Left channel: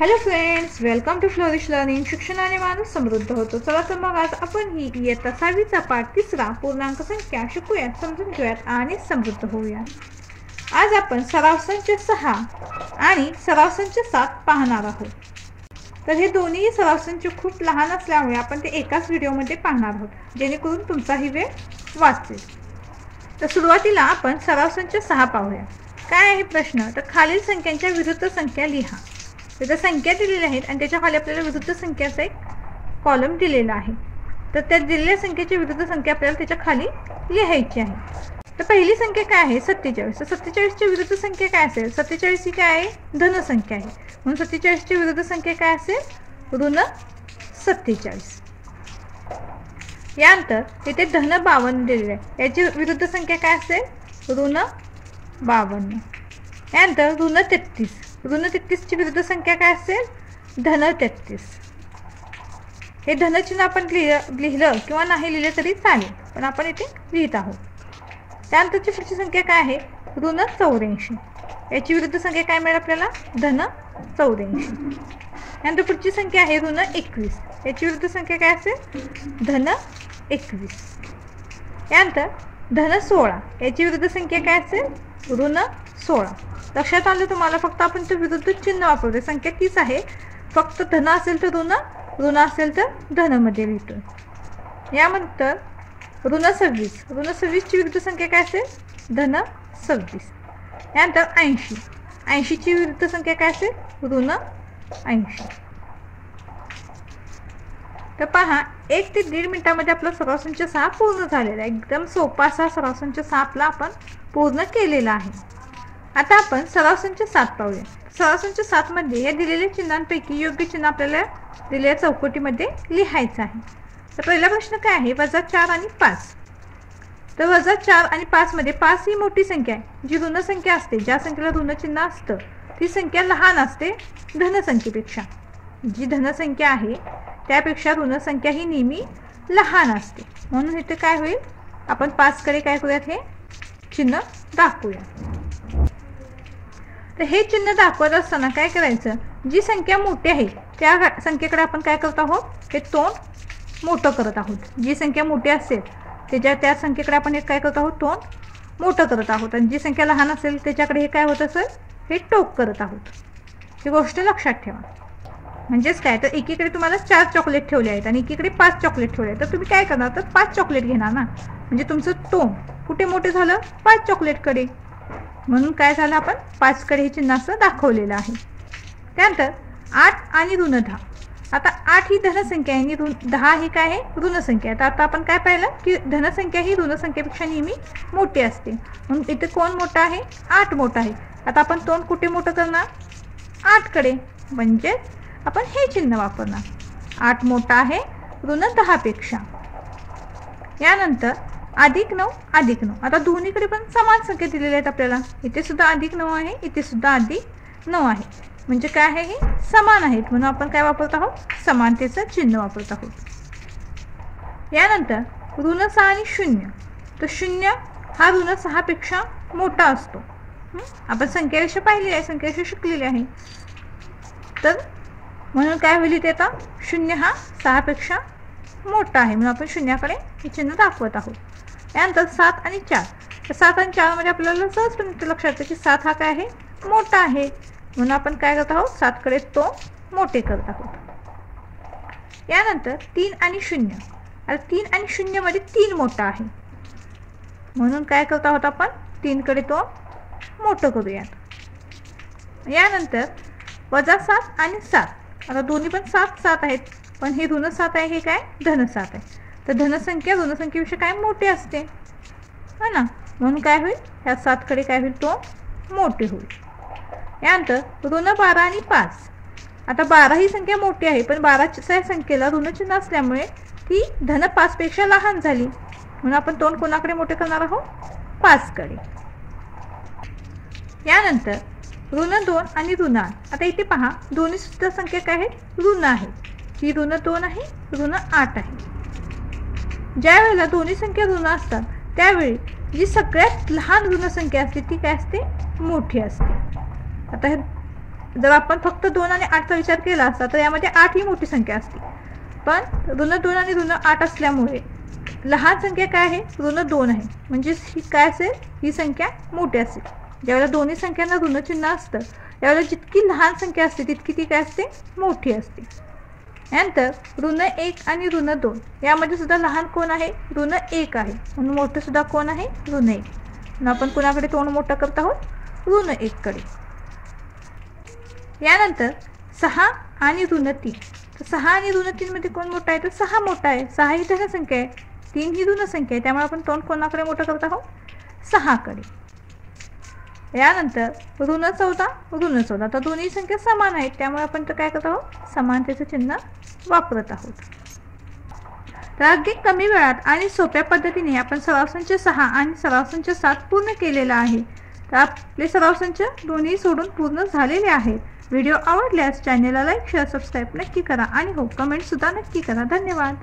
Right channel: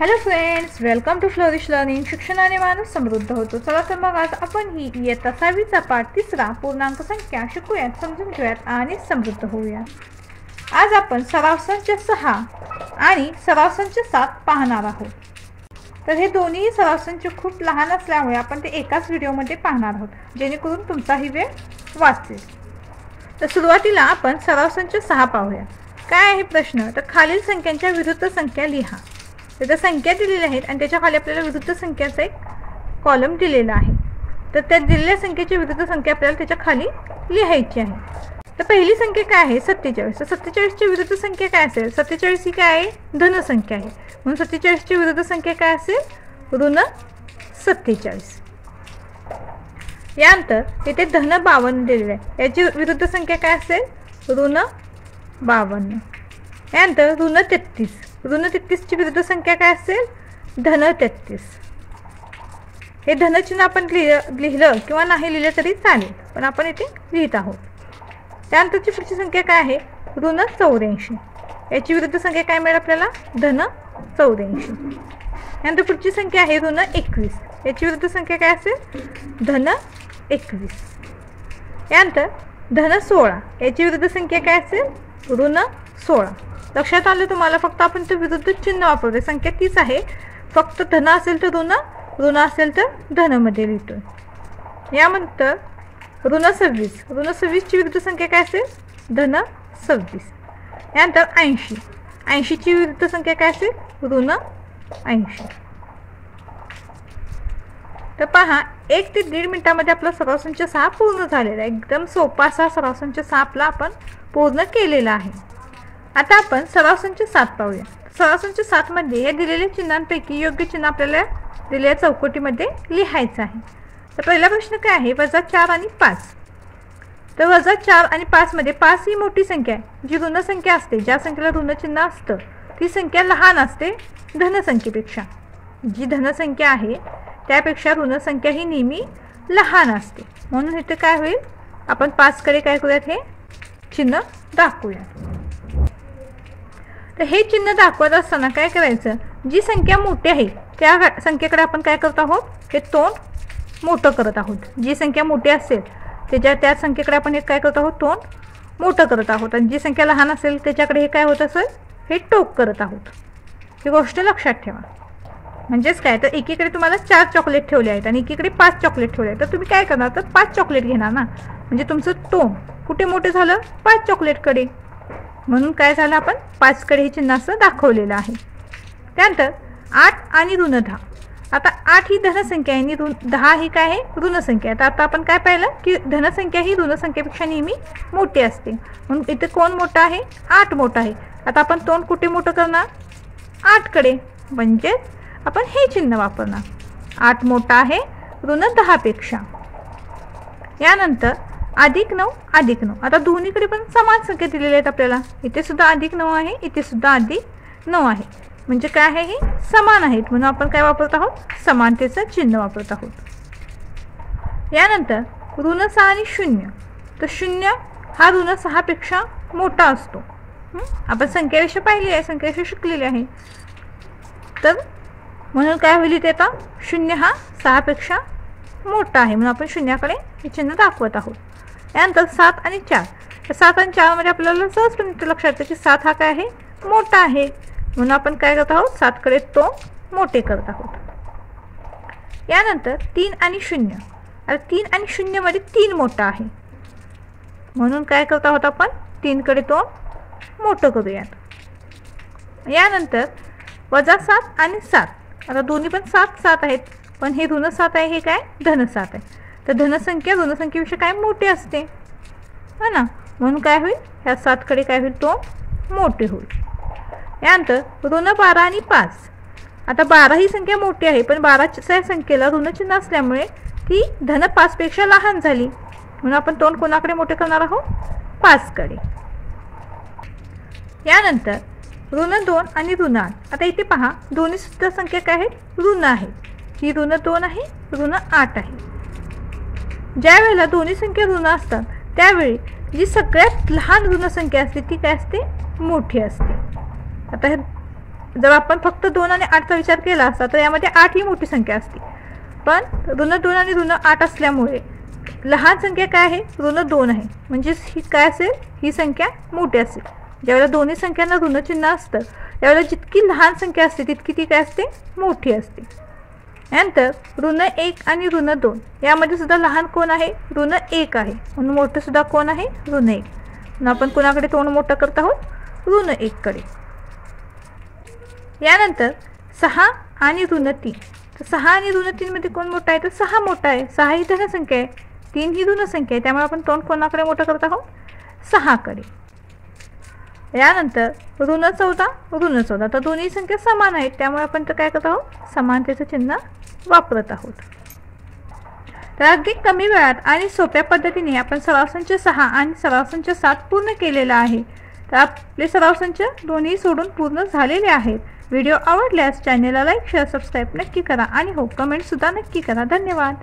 Hello friends, welcome to Flourish Learning. शिक्षणाने माणूस समृद्ध होतो. चला तर मग आज आपण ही इयत्ता 6वीचा पाठ 3 पूर्णांक संख्या शिकूयात, समजून घेऊयात आणि समृद्ध होऊयात. आज आपण सराव संच 6 आणि सराव संच 7 पाहणार आहोत. तर हे दोन्ही सराव संच खूप लहान असल्यामुळे आपण ते एकाच व्हिडिओमध्ये पाहणार आहोत, जेणेकरून तुमचाही वेळ वाचेल. तर सुरुवातीला आपण सराव संच 6 पाहूया. काय आहे प्रश्न? तर खालील संख्यांच्या विरुद्ध संख्या लिहा. त्याच्या संख्या दिलेल्या आहेत आणि त्याच्या खाली आपल्याला विरुद्ध संख्याचा एक कॉलम दिलेला आहे. तर त्या दिलेल्या संख्येची विरुद्ध संख्या आपल्याला त्याच्या खाली लिहायची आहे. तर पहिली संख्या काय आहे? 47. तर 47 ची विरुद्ध संख्या काय असेल? 47 ही काय आहे? धन संख्या आहे. म्हणून 47 ची विरुद्ध संख्या काय असेल? ऋण 47. यानंतर इथे धन 52 दिलेले आहे. याची विरुद्ध संख्या काय असेल? ऋण 52. यानंतर ऋण 33. ऋण 33 ची विरुद्ध संख्या काय असेल? धन 33. हे धनचिन्ह आपण लिहिलं किंवा नाही लिहिलं तरी चालेल, पण आपण इथे लिहित आहोत. त्यानंतरची पुढची संख्या काय आहे? ऋण 84. याची विरुद्ध संख्या काय मिळेल आपल्याला? धन 84. यानंतर पुढची संख्या आहे ऋण 21. याची विरुद्ध संख्या काय असेल? धन 21. यानंतर धन 16. याची विरुद्ध संख्या काय असेल? ऋण 16. लक्षात आलं तुम्हाला? फक्त आपण ते विरुद्ध चिन्ह वापरतो. संख्या तीच आहे, फक्त धन असेल तर ऋण, ऋण असेल तर धन मध्ये लिहितो. यानंतर ऋण 26. ऋण 26 ची विरुद्ध संख्या काय असेल? धन 26. यानंतर 80. 80 ची विरुद्ध संख्या काय असेल? ऋण 80. तर पहा, 1 ते 1.5 मिनिटामध्ये आपला सराव संच 6 पूर्ण झालेला आहे. एकदम सोपा असा सराव संच 6 आपला आपण पूर्ण केलेला आहे. आता आपण सराव संच 7 पाहूया. सराव संच 7 मध्ये या दिलेल्या चिन्हांपैकी योग्य चिन्ह आपल्याला दिलेल्या चौकटीमध्ये लिहायचं आहे. तर पहिला प्रश्न काय आहे? -4 आणि 5. तर -4 आणि 5 मध्ये 5 ही मोठी संख्या आहे, जी ऋण संख्या असते. ज्या संख्येला ऋण चिन्ह असतं ती संख्या लहान असते धनसंख्येपेक्षा. जी धनसंख्या आहे त्यापेक्षा ऋण संख्या ही नेहमी लहान असते. म्हणून इथे काय होईल? आपण 5 कडे काय करूयात? हे चिन्ह दाखवूया. तर हे चिन्ह दाखवत असताना काय करायचं? जी संख्या मोठी आहे त्या संख्येकडे आपण काय करत आहोत? हे तोंड मोठं करत आहोत. जी संख्या मोठी असेल त्या संख्येकडे आपण हे काय करत आहोत? तोंड मोठं करत आहोत. आणि जी संख्या लहान असेल त्याच्याकडे हे काय होत असेल? हे टोक करत आहोत. ही गोष्ट लक्षात ठेवा. म्हणजेच काय? तर एकीकडे तुम्हाला 4 चॉकलेट ठेवले आहेत आणि एकीकडे 5 चॉकलेट ठेवले आहेत. तर तुम्ही काय करणार? तर 5 चॉकलेट घेणार ना. म्हणजे तुमचं तोंड कुठे मोठं झालं? 5 चॉकलेटकडे. म्हणून काय झालं? आपण 5 कडे हे चिन्ह असं दाखवलेलं आहे. त्यानंतर 8 आणि ऋण 10. आता 8 ही धनसंख्या आहे आणि 10 ही काय आहे? ऋण संख्या आहे. तर आता आपण काय पाहिलं की धनसंख्या ही ऋण संख्येपेक्षा नेहमी मोठी असते. म्हणून इथे कोण मोठं आहे? 8 मोठं आहे. आता आपण तोंड कुठे मोठं करणार? 8 कडे. म्हणजे आपण हे चिन्ह वापरणार. 8 मोठा आहे ऋण 10 पेक्षा. यानंतर +9 +9. आता दोन्हीकडे पण समान संख्या दिलेल्या आहेत आपल्याला. इथे सुद्धा +9 आहे, इथे सुद्धा +9 आहे. म्हणजे काय आहे? हे समान आहेत. म्हणून आपण काय वापरत आहोत? समानतेचं चिन्ह वापरत आहोत. यानंतर ऋण 6 आणि 0. तर 0 हा ऋण 6 पेक्षा मोठा असतो. आपण संख्याविषयी पाहिली आहे, संख्याविषयी शिकलेली आहे. तर म्हणून काय होईल इथे? आता 0 हा 6 पेक्षा मोठा आहे, म्हणून आपण 0 कडे हे चिन्ह दाखवत आहोत. यानंतर 7 आणि 4. तर 7 आणि 4 मध्ये आपल्याला सहजपणे लक्षात येतं की 7 हा काय आहे? मोठा आहे. म्हणून आपण काय करत आहोत? 7 कडे तो मोठे करत आहोत. यानंतर 3 आणि 0. आता 3 आणि 0 मध्ये 3 मोठा आहे. म्हणून काय करत आहोत? आपण 3 कडे तो मोठं करूयात. यानंतर -7 आणि 7. आता दोन्ही पण 7 आहेत, पण हे ऋण 7 आहे, हे काय? धन 7 आहे. तर धनसंख्या ऋणसंख्येपेक्षा काय मोठी असते, है ना. म्हणून काय होईल? ह्या 7 कडे काय होईल? तो मोठे होईल. यानंतर ऋण 12 आणि 5. आता 12 ही संख्या मोठी आहे, पण 12च्या संख्येला ऋण चिन्ह असल्यामुळे ती धन 5 पेक्षा लहान झाली. म्हणून आपण तोंड कोणाकडे मोठे करणार आहोत? 5 कडे. यानंतर ऋण 2 आणि ऋण 8. आता इथे पहा, दोन्ही सुद्धा संख्या काय आहेत? ऋण आहेत. ही ऋण 2 आहे, ऋण 8 आहे. ज्या वेळेला दोन्ही संख्या ऋण असतात त्यावेळी जी सगळ्यात लहान ऋण संख्या असते ती काय असते? मोठी असते. आता जर आपण फक्त 2 आणि 8चा विचार केला असता तर यामध्ये 8 ही मोठी संख्या असते, पण ऋण 2 आणि ऋण 8 असल्यामुळे लहान संख्या काय आहे, ऋण 2 आहे, म्हणजे ही काय असेल, ही संख्या मोठी असेल. ज्यावेळेला दोन्ही संख्यांना ऋण चिन्ह असतं त्यावेळेला जितकी लहान संख्या असते तितकी ती काय असते, मोठी असते. नंतर ऋण 1 आणि ऋण 2 यामध्ये सुद्धा लहान कोण आहे, ऋण 1 आहे, म्हणून मोठं सुद्धा कोण आहे, ऋण 1. म्हणून आपण कोणाकडे तोंड मोठं करत आहोत, ऋण 1 कडे. यानंतर 6 आणि ऋण 3. तर 6 आणि ऋण 3 मध्ये कोण मोठा आहे, तर 6 मोठा आहे. 6 ही धन संख्या आहे, 3 ही ऋण संख्या आहे, त्यामुळे आपण तोंड कोणाकडे मोठं करत आहोत, 6 कडे. यानंतर ऋण 14 ऋण 14. तर दोन्ही संख्या समान आहेत, त्यामुळे आपण तर काय करत आहोत, समानतेचं चिन्ह वापरत आहोत. तर अगदी कमी वेळात आणि सोप्या पद्धतीने आपण सराव संच 6 आणि सराव संच 7 पूर्ण केलेला आहे. तर आपले सराव संच दोन्ही सोडून पूर्ण झालेले आहेत. व्हिडिओ आवडल्यास चॅनेलला लाईक शेअर सबस्क्राईब नक्की करा आणि हो कमेंटसुद्धा नक्की करा. धन्यवाद.